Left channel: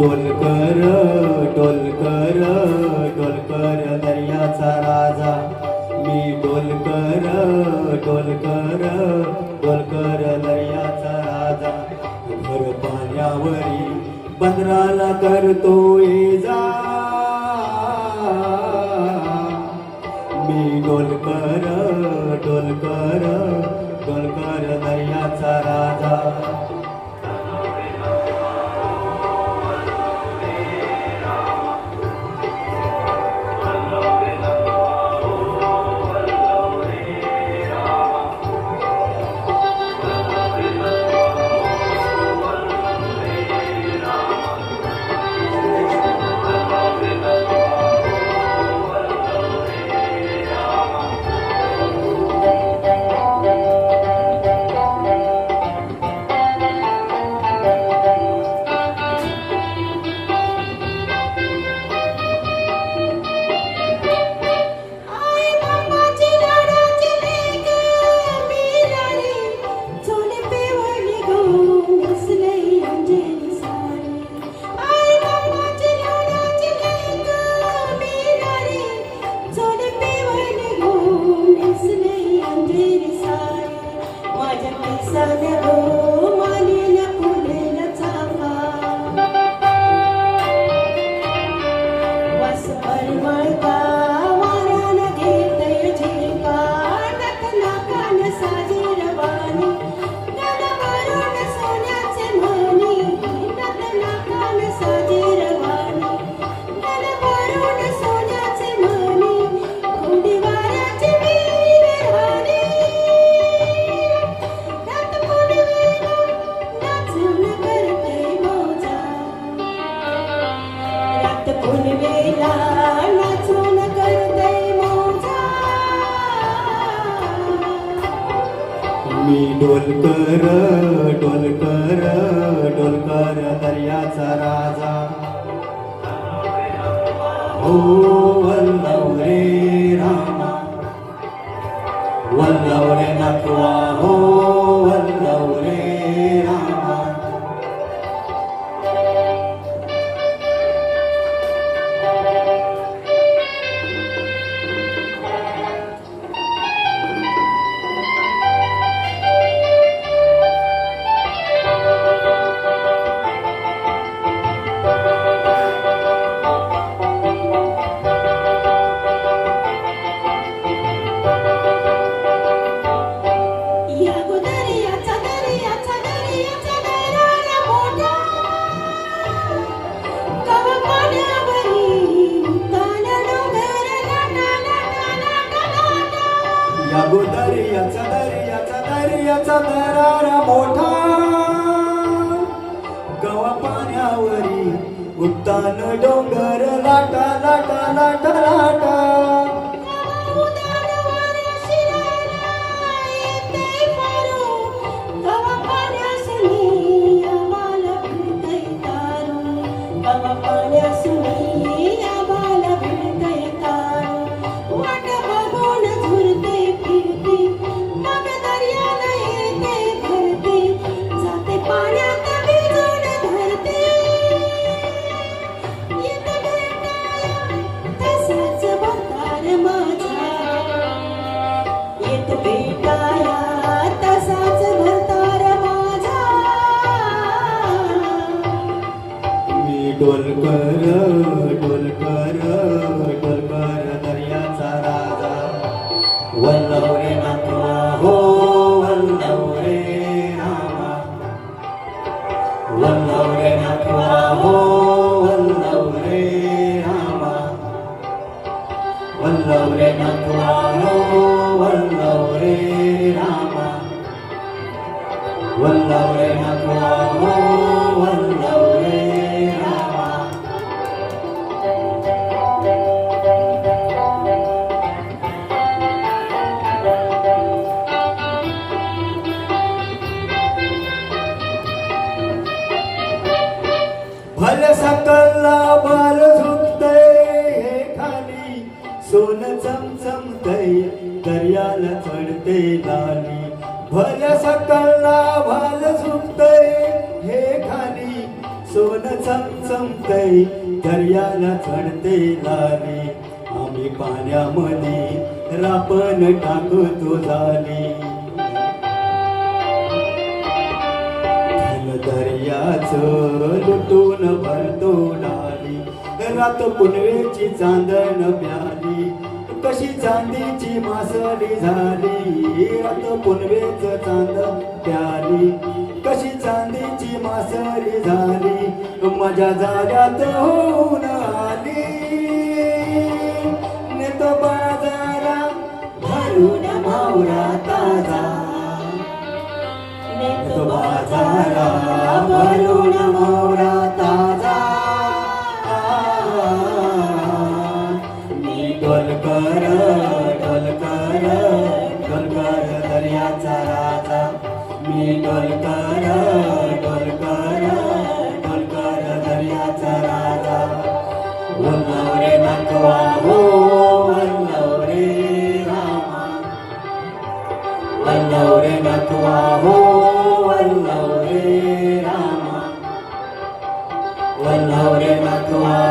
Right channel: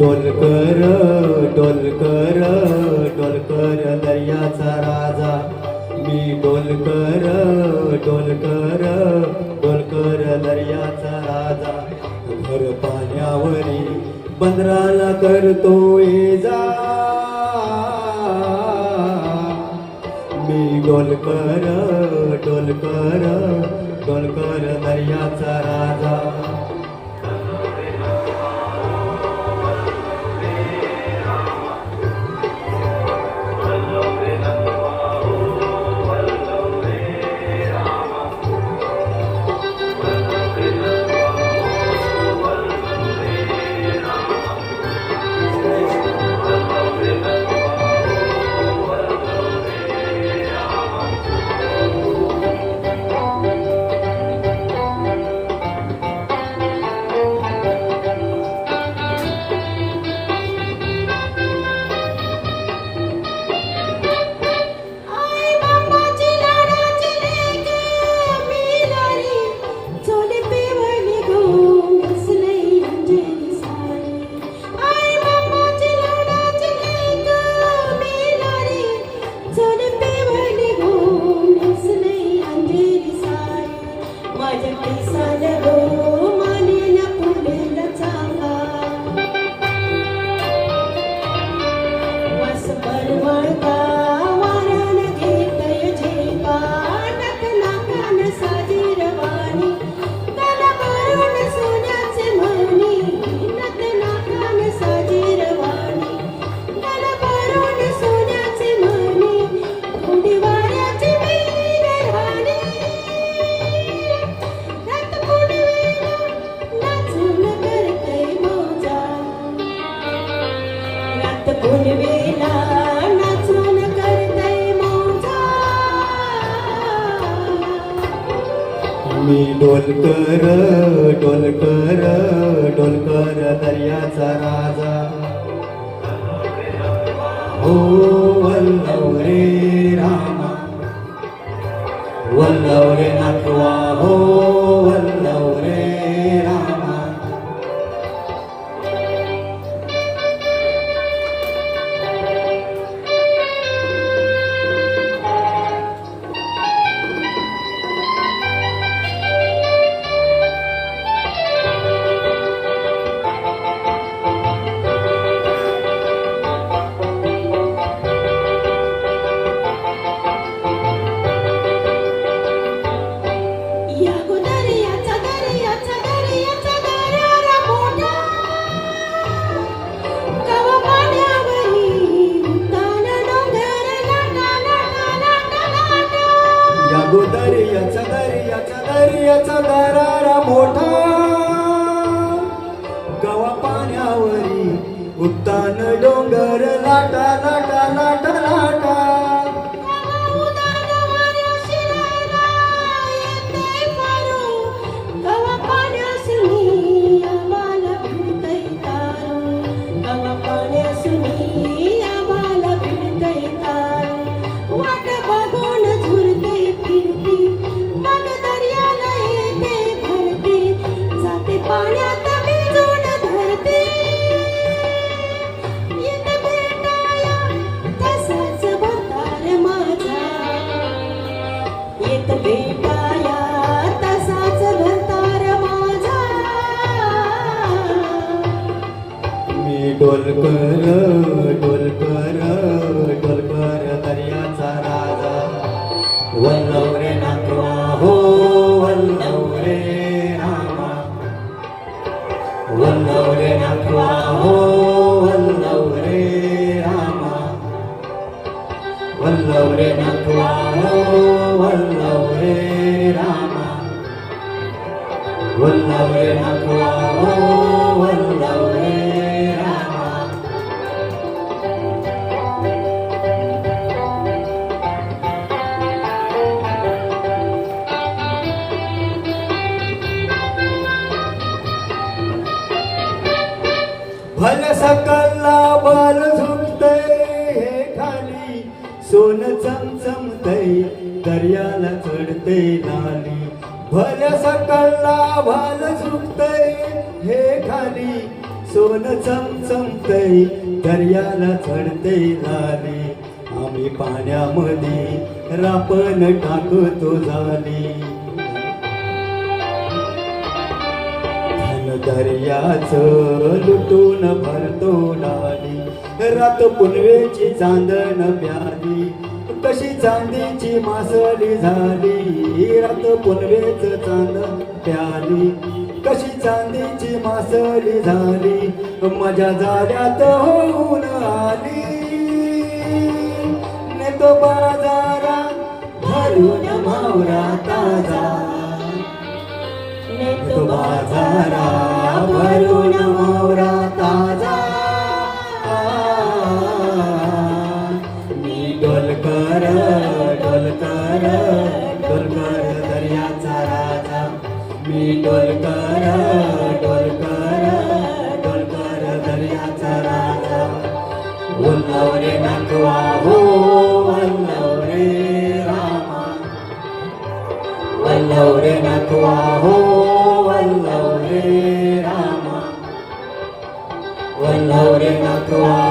डोलकर डोलकर डोलकर दर्याचा राजा मी डोलकर डोलकर डोलकर दर्याचा राजा भर पाण्यावरी बंदराला करतोय जा मी डोलकर डोलकर डोलकर दर्याचा राजा मी डोलकर डोलकर डोलकर दर्याचा राजा हो वल्लव रे रामा वल्लव रे नकवा हो वल्लव रे रामा दर्याचा दर्याचा दर्याचा दरारा मोठा गवा पाण्यावरी उड्डाण डोंगर लाटा लाटा लाटा लाटा डोलकर डोलकर डोलकर दर्याचा राजा वल्लव रे नकवा हो वल्लव रे रामा वल्लव रे नकवा हो वल्लव रे रामा वल्लव रे नकवा हो वल्लव रे रामा वल्लव रे नकवा हो वल्लव रे सोन चमचमतय दर्याला चढते लाली भल सकळला भाल सुटतय हे खाली सोन चमचमतय दर्याला चढते लाली आम्ही पाण्यामध्ये रापण टाकतो झाली दर्याचं लुटून भरतो डाली रात पुनवेची चांदण प्याली कशी चांदीची मासळी झाली रात पुनवेच चांदण प्याली कशी चांदीची मासळी झाली मजा झाल्यात होऊन आली नेतो बाजारा भरून मावरा ताजा नेतो बाजारा भरून मावरा ताजा मी डोलकर डोलकर डोलकर दर्याचा राजा मी डोलकर डोलकर डोलकर दर्याचा राजा वल्लव रे नकवा हो वल्लव रे रामा वल्लव रे नकवा हो वल्लव रे रामा वल्लव रे नकवा